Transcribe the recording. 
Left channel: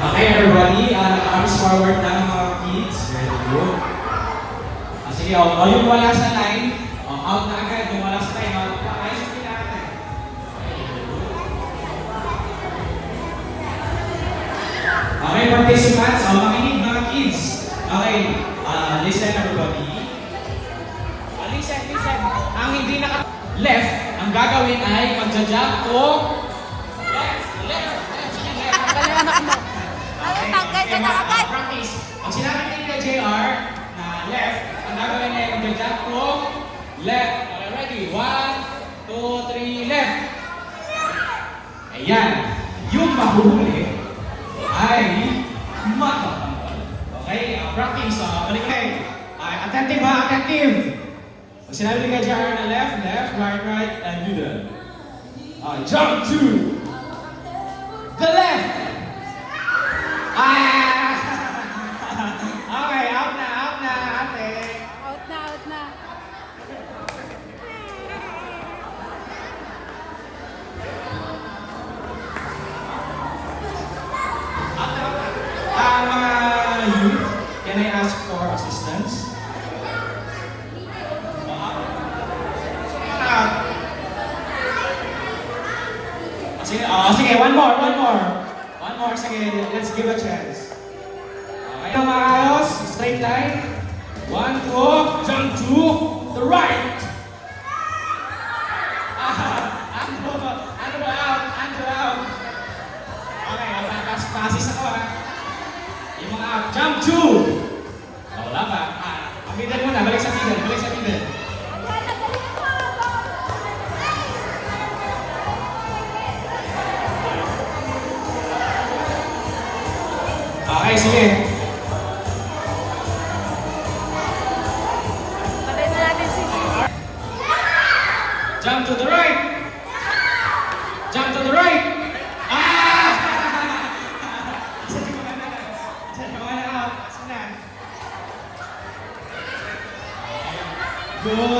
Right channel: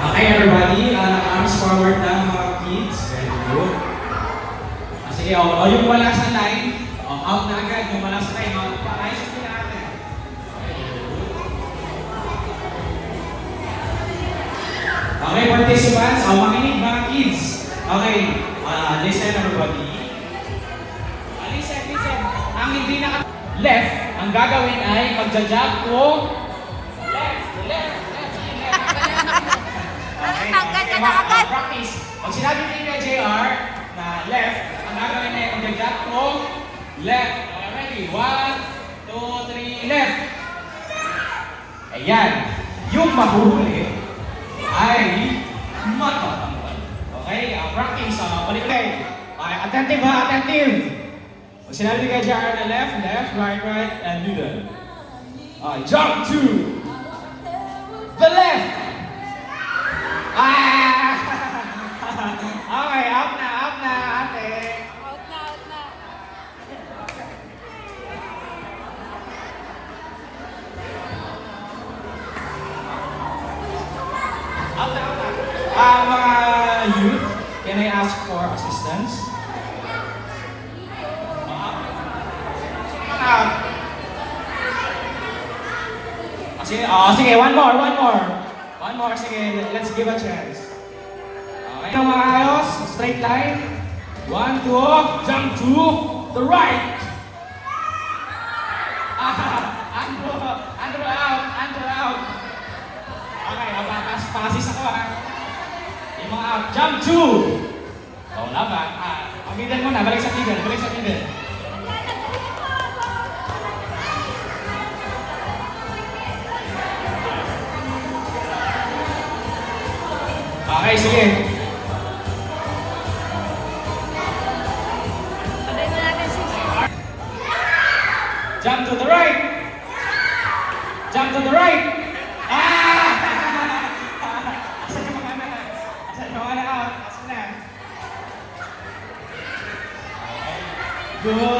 Okay, everybody, naka-arms forward na mga kids. Very good. Sige, yung wala sa line, out na agad. Yung wala sa line, ayos yung natin. Okay, participants, makinig mga kids. Okay, listen everybody. Listen. Ang hindi na left, ang gagawin ay pagja-jump to left. Practice. Pag sinabi nila JR na left, ang gagawin niya yung jump to left. Ready? 1, 2, 3, left. Ayan. Yung mahuli ay matapang. Okay? Practice. Balik. Attentive ba? Attentive. Pag sinabi nila JR na left, right, and middle. Jump to the left. Okay, out na, ate. Mga youth, can I ask for assistance? Sige, one more, sige, let's give a chance. Okay, maayos, straight line. 1, 2, jump to the right. Ando out. Okay, pasis ako. Yung mga out, jump to. Wala ba? Middle muna, balik sa middle. Okay, sige. Jump to the right. Good.